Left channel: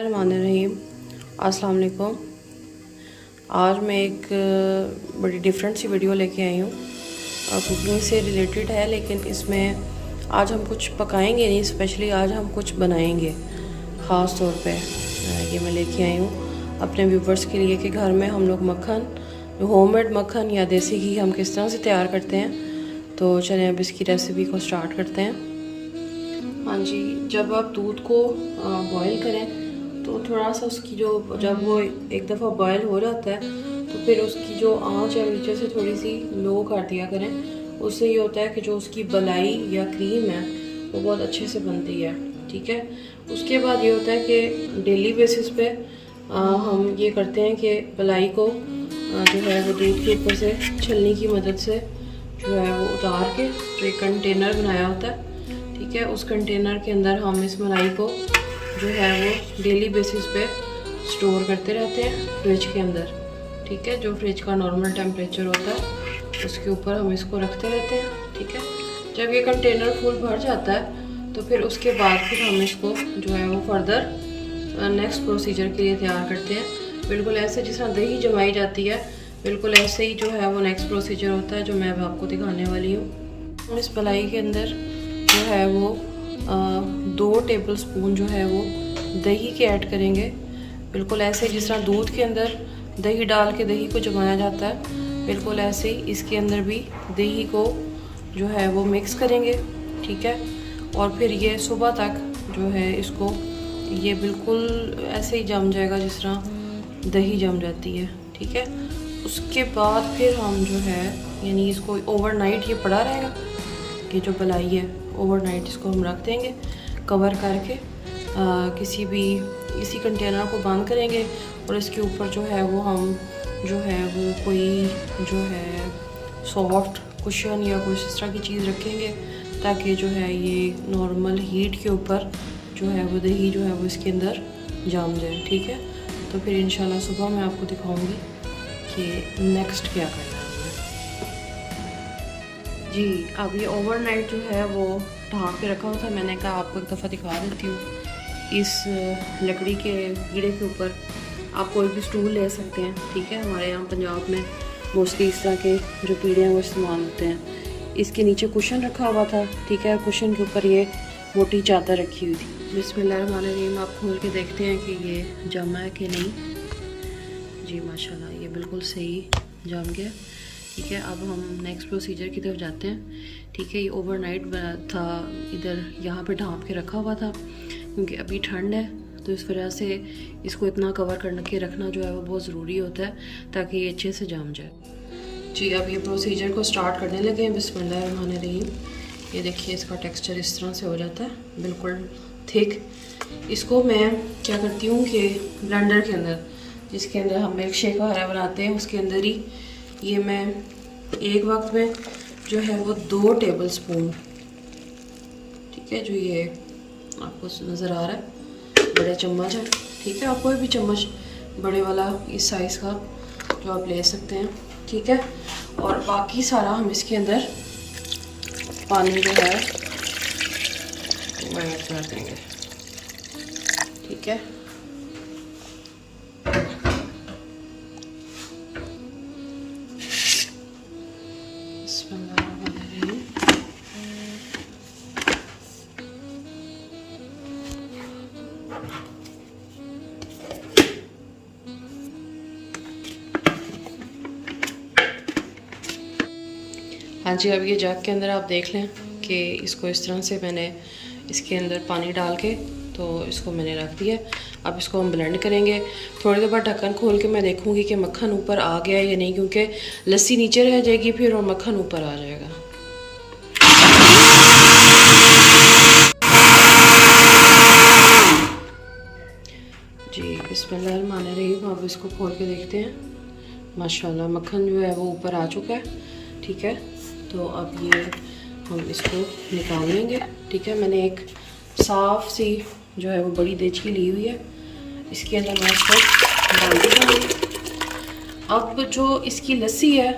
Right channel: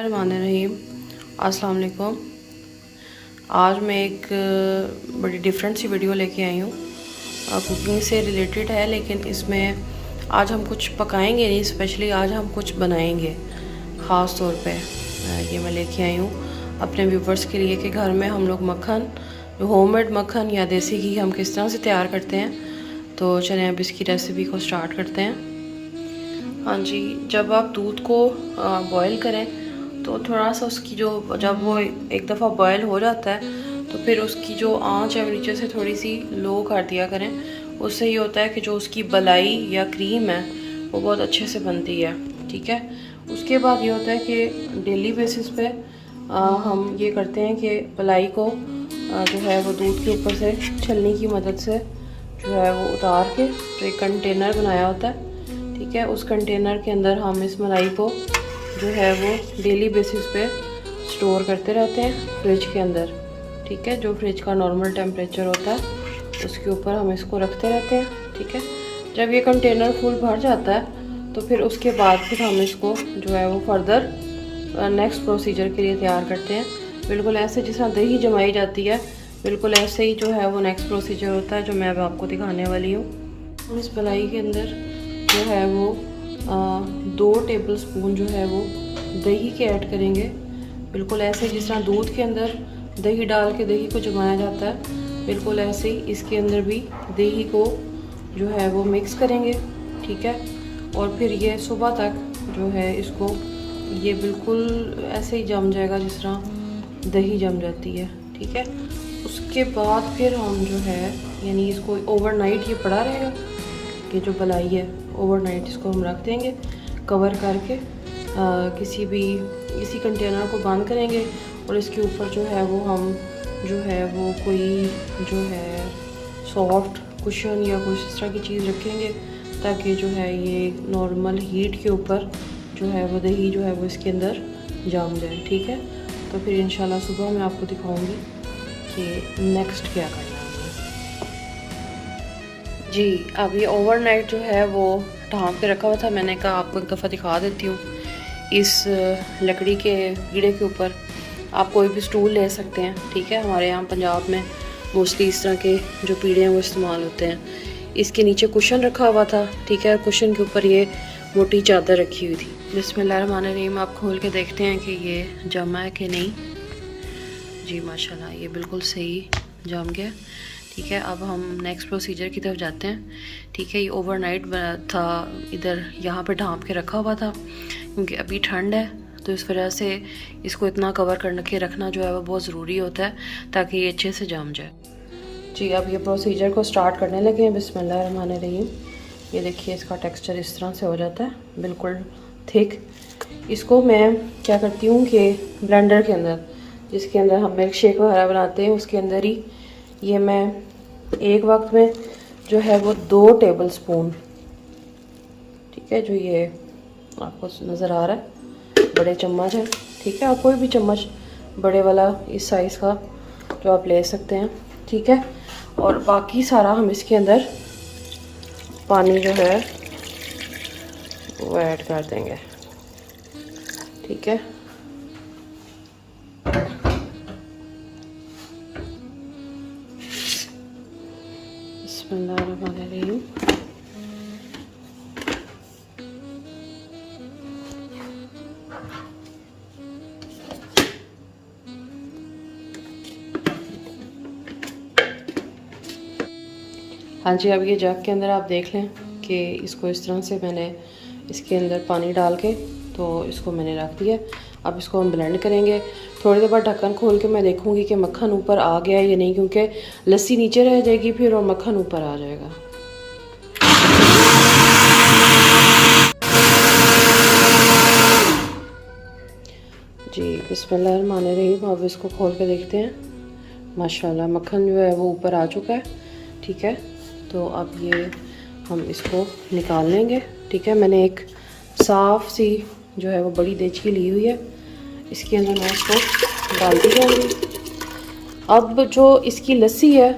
रहीम अस्सलाम वालेकुम। आज मैं एक बड़ी डिफरेंट सी वीडियो लेके आई हूँ। कुकिंग से रिलेटेड है, लेकिन इसमें आज हम कुछ पकाएंगे नहीं, स्पेशली आज हम कुछ बनाएंगे ख़ास तौर पे। ये मैं लेके आई हूँ अपने व्यूवर्स के लिए कि घर में हम लोग मक्खन, जो होममेड मक्खन या देसी घी हम किस तरह से तैयार करते हैं। तो चलें अब इसकी रेसिपी को स्टार्ट करते हैं। हाँ जी, जब आप दूध को बॉईल करें तो थोड़ा सा उसकी जब वो एक दफ़ा बॉयल हो जाता है तो फिर उसकी जो आंच है नीचे से थोड़ी सी लो कर दिया करें। उससे ये होता है कि जो उसकी बलाई या क्रीम है वो बहुत अच्छे से बनती है। ठीक है, उसके बाद ये होता है कि डेली बेसिस पे हम ये करते हैं कि बलाई को जो है वो दूध के ऊपर से छलनी की मदद से जो है वो उतार के जो एक कंटेनर बनाया होता है, ठीक है, उस कंटेनर के अंदर हम इस मलाई को जो है वो डेली बेसिस पे स्टोर करते रहते हैं फ्रिज के अंदर। ठीक है, जो फ्रिज का नॉर्मल टेम्परेचर होता है उसके ऊपर हम इसको रखते रहते हैं। ठीक है, जब ये कंटेनर फुल भर जाता है तो फिर उसके बाद फिर हम इसको जो है वो फर्दर नेक्स्ट प्रोसीजर के लिए तैयार करते हैं। बिल्कुल ऐसे जिस तरह दही जमाई जाती है, बिल्कुल ऐसे ही जो है वो नेक्स्ट प्रोसीजर होता है जो मैं अब आपको दिखाने वाली हूँ। इस मलाई के अंदर जो है वो 2 टेबल स्पून जो है वो दही के ऐड करेंगे। बिल्कुल ऐसे जिस तरह दूध के अंदर दही डाल के दही को जमाया जाता है, बिल्कुल ऐसे ही इसके अंदर भी दही को जो है वो मिक्स करेंगे। ठीक है, और फिर ये सुबह तक जो है इसको ये बिल्कुल ऐसे ही जम जाएगा जिस तरह दही जम जाती है। ठीक है, उसके बाद फिर हम जो है यानी इसको ओवरनाइट ये पड़ा रहेगा। ये जो बलाई है ओवरनाइट इसको हम रख देंगे कवर करके, किसी कंटेनर को बंद करेंगे और इसके ऊपर जो है वो हम जो है वो कोई जो है सॉफ्ट कुशन या कुछ इस तरह की चीज़ रखेंगे ताकि जो है ये नॉर्मल हीट के ऊपर जो है वो दही जो है वो इसके अंदर जम जाए। ठीक है, तो फिर इंशाल्लाह सुबह मैं आपको दिखाऊंगी कि नेक्स्ट क्या करना है हमें। जी, अब ये ओवरनाइट जो है वो ढाँक के रखा हुआ था। मैंने कहा आपको एक दफ़ा दिखा देती हूँ। इस लकड़ी के कीड़े के ऊपर आप कोई भी स्टूल ले सकते हैं। ठीक है, हमारे यहाँ पंजाब में मोस्टली इस तरह के जो पीढ़े हैं वो इस्तेमाल होते हैं। इसके नीचे कुशन रखा हुआ था। ठीक है, कुशन के ऊपर ये मोटी चादर रखी हुई थी। बिस्मिल्लाहिर्रहमानिर्रहीम, आप खोल के देखते हैं कि ये जमा है कि नहीं। जी माशाल्लाह, ये बिल्कुल सही जम गया। ठीक है, अब हम नेक्स्ट प्रोसीजर की तरफ जाते हैं। ठीक है, ये ओवरनाइट था, इधर यहाँ पे ढाँप के रखा हुआ था क्योंकि अभी ठंड है, तो इस वजह से इसको इतना कवर करके रखना जो है वो बहुत ज़रूरी होता है ताकि ये अच्छे से जम जाए। जी, अब ये प्रोसीजर को स्टार्ट करने लगे हैं। बिस्मिल्लाहिर्रहमानिर्रहीम, ये देखिए इसका टेक्सचर इस तरह से हो जाता है, बिल्कुल थिक। इसको मैं क्या करती हूँ कि ब्लेंडर के अंदर, जिसके अंदर हम मिल्क शेक वगैरह बनाते हैं, उसके अंदर ही ये मैं एक वक्त में जो है वो 2 टेबल स्पून, ठीक है, जो ये आपको नज़र आ रहा है बड़े चम्मच है। ठीक है, आप कोई भी चम्मच बड़े वाला इस साइज़ का जो आप ले सकते हैं। ठीक है, और बाकी सारा हम इसके अंदर पानी जो है वो ऐड कर देंगे। ठीक है, बिस्मिल्लाहिर्रहमानिर्रहीम। हाँ जी, अब ये जग के अंदर आप देख लें कि इसको इस तरह से मैंने इसके अंदर पानी डाल के तो इसको मैंने रख दिया। अब इसको हम ब्लेंड करेंगे। थोड़ी देर बाद ढक्कन खोल के मैं देखूंगी कि मक्खन ऊपर आ गया है या नहीं, क्योंकि लस्सी नीचे रह जाएगी फिर और मक्खन ऊपर आ जाएगा। जी बिस्मिल्लाहिर्रहमानिर्रहीम, अब इसको खोल के देखते हैं। माशाल्लाह मक्खन जो है वो ऊपर आ चुका है। ठीक है, तो अब ये हम इसको निकाल लेंगे। ठीक है, मैंने एक साफ़ सी जो है वो बड़ी देचकी ली हुई है, इसके अंदर मैं इसको डालती जाऊँगी। अब जो इसकी लस्सी है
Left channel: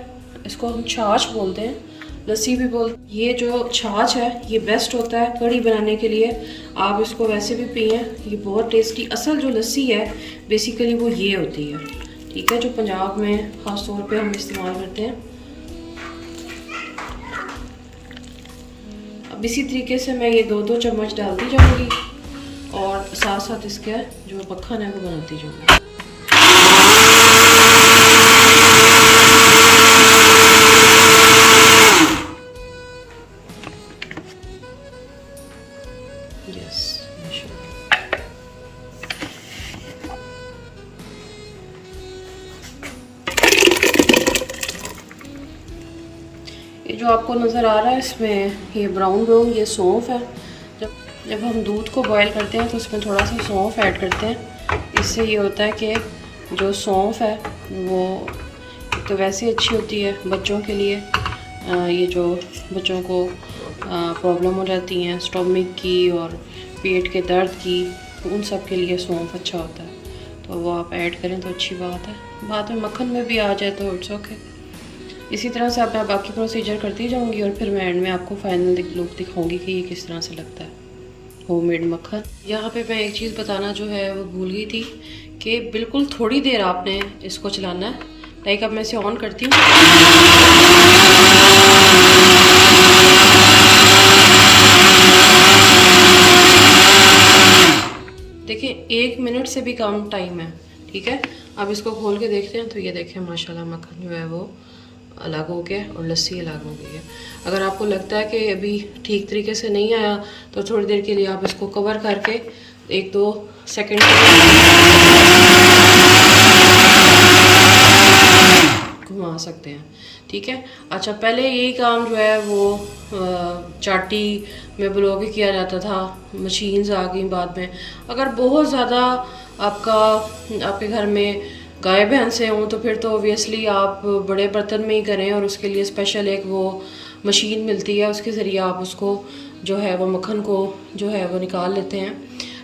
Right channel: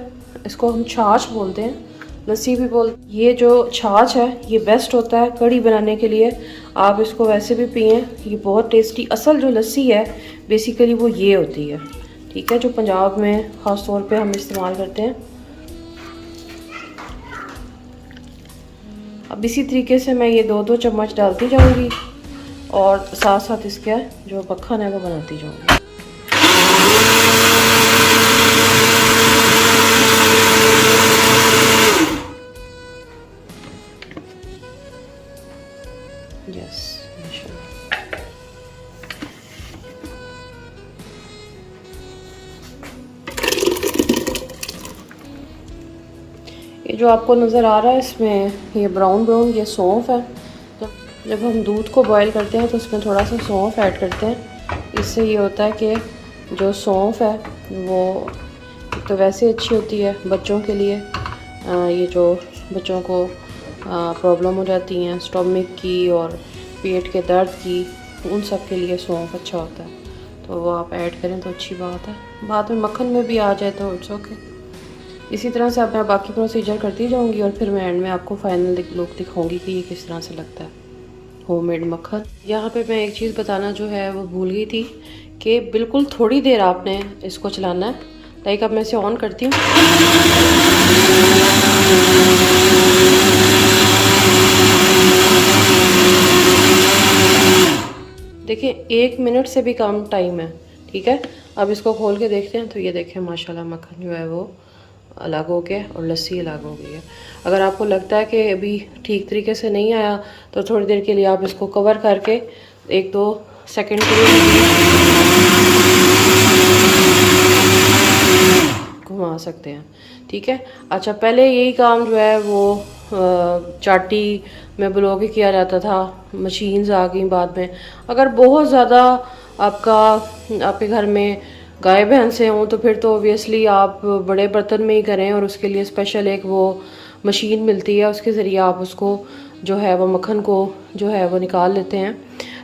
इसको हम छाछ बोलते हैं, लस्सी भी बोल। ये जो छाछ है ये बेस्ट होता है कढ़ी बनाने के लिए, आप इसको वैसे भी पिए, ये बहुत टेस्टी। असल जो लस्सी है बेसिकली वो ये होती है, ठीक है, जो पंजाब में ख़ास तौर पे हम इस्तेमाल करते हैं। अब इसी तरीके से मैं ये 2-2 चम्मच डालती जाऊंगी और साथ साथ इसका जो मक्खन है वो बनाती जाऊंगी। यस, ये जो आपको नज़र आ रहा है इसमें ये ब्राउन ब्राउन ये सौंफ है। जब हम दूध को बॉईल करते हैं तो उसमें थोड़ा सा सौंफ ऐड करते हैं। इससे ये होता है कि जो सौंफ है वो तो वैसे अच्छी होती है बच्चों के लिए, ये जो बच्चों को प्रॉब्लम हो जाती हैं स्टमक की और पेट के दर्द की, उन सब के लिए सौंफ अच्छा होता है, तो वो आप ऐड करें तो अच्छी बात है। बाद में मक्खन में भी आ जाए तो इट्स ओके। इसी तरह से अब मैं बाकी प्रोसीजर करती जाऊंगी और फिर मैं एंड में आपको फाइनल लुक दिखाऊंगी कि ये किस तरह से लगता है होममेड मक्खन। यहाँ पे मैं एक चीज़ बताना जो है वो भूल गई थी कि बिल्कुल थोड़ी देर आपने इसको चलाना है। लाइक अब मैं इसे ऑन करती हूँ, देखिए 1 मिनट से भी कम टाइम है, ठीक है। अब इसको खोल के देखते हैं तो ये देखें माशाल्लाह मक्खन जो है वो अलग हो गया और लस्सी अलग हो गई है। अगर आपको लगता है कि अभी ठीक तरीके से नहीं आया तो थोड़ी देर के लिए आप इसको कवर करके 1-2 सेकंड के लिए घुमा सकते हैं, ठीक है। अच्छा, पहले यही काम जो है वो चाटी में बुला के किया जाता था, मशीन्स आ गई बाद में। अगर बहुत ज़्यादा आपके घर में गाय भैंसें हों तो फिर तो ऑब्वियसली आप बड़े बर्तन में ही करें और उसके लिए स्पेशल एक वो मशीन मिलती है, उसके ज़रिए आप उसको जो है वो मक्खन को जो है वो निकाल लेते हैं।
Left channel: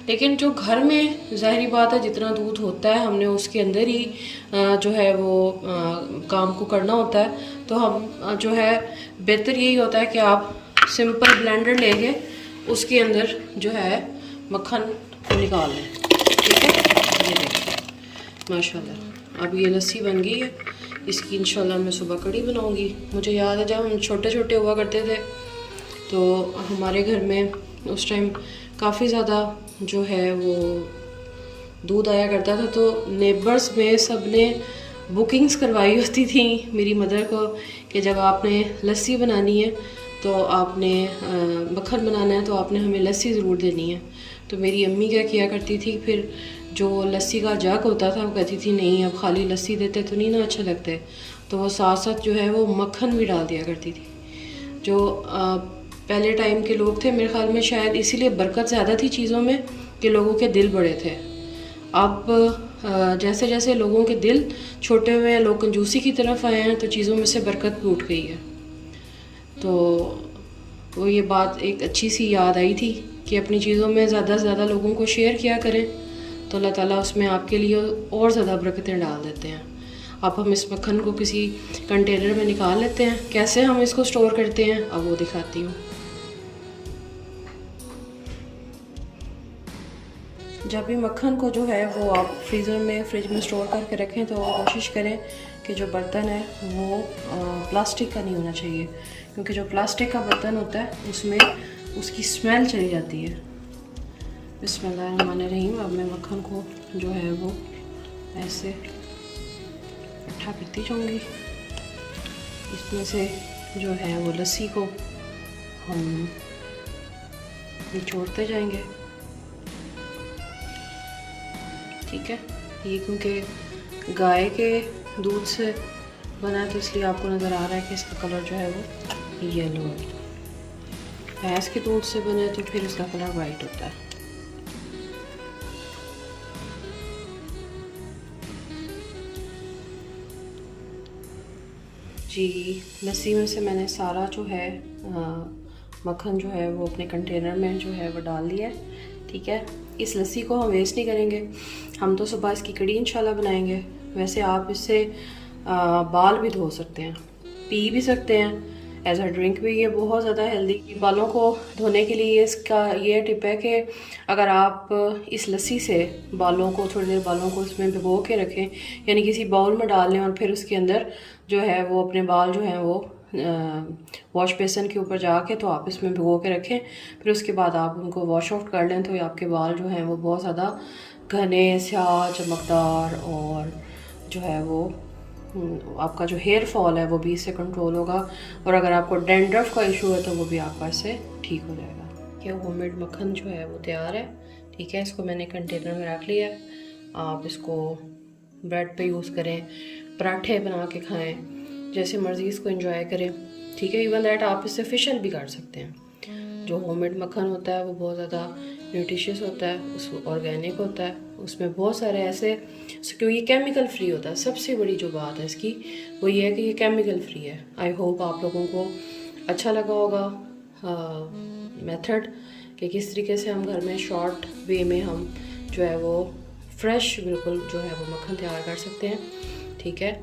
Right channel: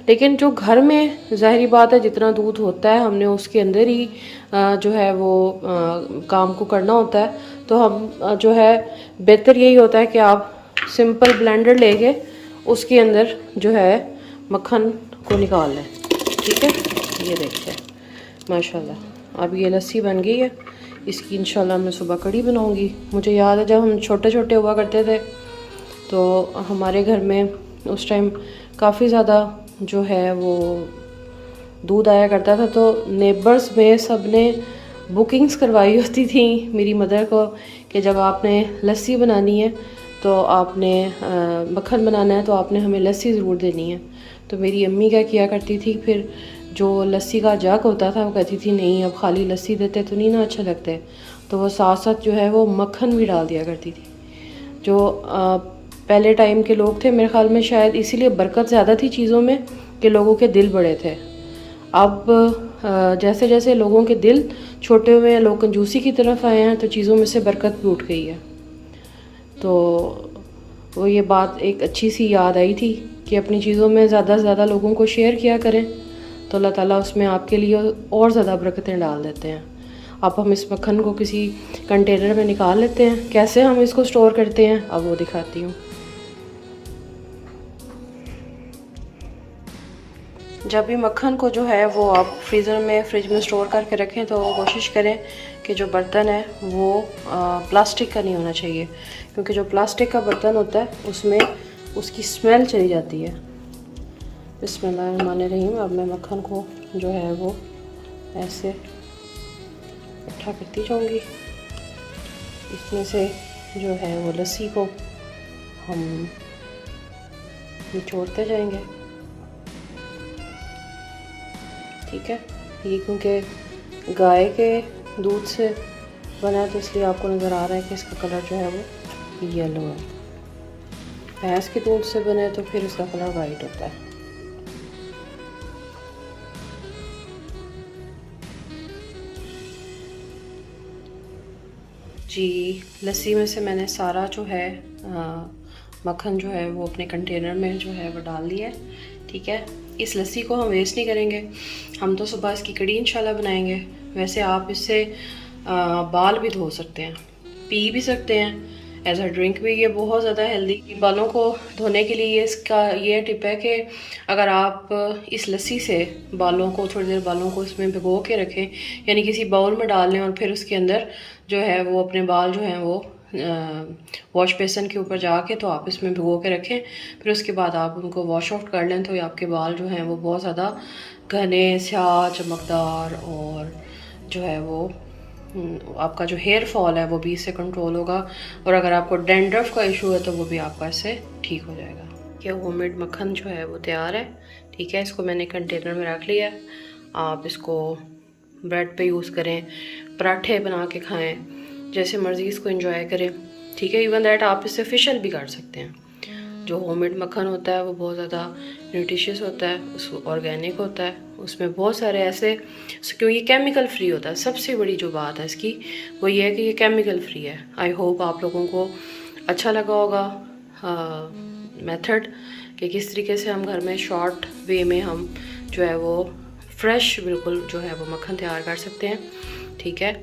लेकिन जो घर में ज़ाहिरी बात है जितना दूध होता है हमने उसके अंदर ही जो है वो काम को करना होता है, तो हम जो है बेहतर यही होता है कि आप सिंपल ब्लेंडर लेके उसके अंदर जो है मक्खन को निकाल लें, ठीक है। ये देखिए माशाल्लाह अब ये लस्सी बन गई है। इसकी इंशाल्लाह मैं सुबह कढ़ी बनाऊंगी। मुझे याद है जब हम छोटे छोटे हुआ करते थे तो हमारे घर में उस टाइम काफ़ी ज़्यादा जो है वो दूध आया करता था, तो नेबर्स में सब ने बुकिंग्स करवाई होती थी मेरी मदर को कि जब आपने लस्सी बनानी है तो आपने मक्खन बनाना है तो आपने हमें लस्सी ज़रूर देनी है। तो मेरी अम्मी क्या किया करती थी, फिर जो लस्सी का जग होता था वो कहती थी नहीं अब खाली लस्सी देते तो नहीं ना अच्छा लगते, तो वो साथ साथ जो है वो मक्खन भी डाल दिया करती थी। जो पहले टाइम के लोग थे मेरे ख्याल में शायद इसीलिए बरकत ज़्यादा थी चीज़ों में कि लोगों के दिल बड़े थे। अब जैसे जैसे लोगों के दिल छोटे हुए हैं, लोग कंजूसी की तरफ आए हैं, तो चीज़ों में से बरकत भी उठ गई है। तो वो ये बात एक अच्छी सी याद आई थी कि अपनी चीज़ों में ज़्यादा से ज़्यादा लोगों को शेयर किया करें तो अल्लाह ताला उसमें आपके लिए और ज़्यादा बरकतें डाल देते हैं। अब हम इस मक्खन को किसी कंटेनर में निकाल लेते हैं। कैसे हम इसको स्टोर करते हैं अब वो दिखाती हूँ। जब भी मक्खन को जो है वो आप फ्रिज में स्टोर करके रखें तो कोशिश करें कि जो बर्तन है वो प्लास्टिक का नहीं होना चाहिए, क्योंकि जो प्लास्टिक का बर्तन होता है उसमें उसकी स्मेल चली जाती है। बिस्मिल्लाहिर्रहमानिर्रहीम। अब मैं मक्खन को जो है वो ऐसे इकट्ठा करती जाऊंगी। इसमें से जो है वो लस्सी को हम निचोड़ते जाएंगे, ठीक है। ये क्योंकि गाय के दूध से बना है तो इसलिए आपको नज़र आ रहा है कि इसका कलर जो है वो येलो है। भैंस के दूध से बने तो फिर इसका कलर वाइट होता है। जी, लस्सी में से मैंने सारा जो है मक्खन जो है वो अपने कंटेनर में जो है वो डाल दिया है, ठीक है। इस लस्सी को हम वेस्ट नहीं करेंगे, हम तो सुबह इसकी कढ़ी इंशाल्लाह बनाएंगे। वैसे आप इससे बाल भी धो सकते हैं, पी भी सकते हैं, एज अ ड्रिंक भी ये बहुत ज़्यादा हेल्दी। बालों को धोने के लिए इसका ये टिप है कि अगर आप इस लस्सी से बालों को थोड़ी देर बालों को इसमें भिगो के रखें, यानी किसी बाउल में डाल लें और फिर उसके अंदर जो है वो अपने बाल जो हैं वो वॉश बेसन के ऊपर जाके तो आप इसमें भिगो के रखें, फिर उसके बाद आप उनको वॉश ऑफ कर लें तो ये आपके बाल जो हैं वो बहुत ज़्यादा घने, स्याह, चमकदार और जो है वो आपका जो हेयर फॉल है वो भी इससे कंट्रोल होगा। और अगर आपको डैंड्रफ का इशू है तो वो भी आपका इससे ठीक हो जाएगा। ये होममेड मक्खन जो है वो तैयार है। ठीक है, इसको मैंने कंटेनर में रख लिया। आप इसको ब्रेड पे यूज़ करें, पराठे बना के खाएं, जैसे मर्ज़ी इसको एंजॉय करें। ठीक है, इवन दैट आप इससे फेशियल भी कर सकते हैं। जो होममेड मक्खन होता है वो बहुत ज़्यादा न्यूट्रिशियस होता है, उस ऑर्गेनिक होता है, उसमें बहुत सारे ऐसे, क्योंकि ये केमिकल फ्री होता है। सबसे बड़ी जो बात है इसकी वो ये है कि ये केमिकल फ्री है। आई होप आप लोगों को अच्छा लगा होगा मेथड कि किस तरीके से हम घर में शॉर्ट वे में हम जो है वो फ्रेश बिल्कुल जो है वो मक्खन तैयार कर सकते हैं। ठीक है,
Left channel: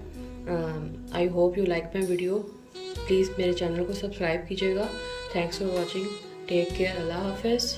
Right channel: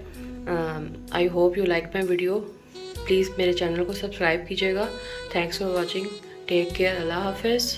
I hope you like my video. Please मेरे चैनल को सब्सक्राइब कीजिएगा। Thanks for watching. Take care. Allah हाफिज़।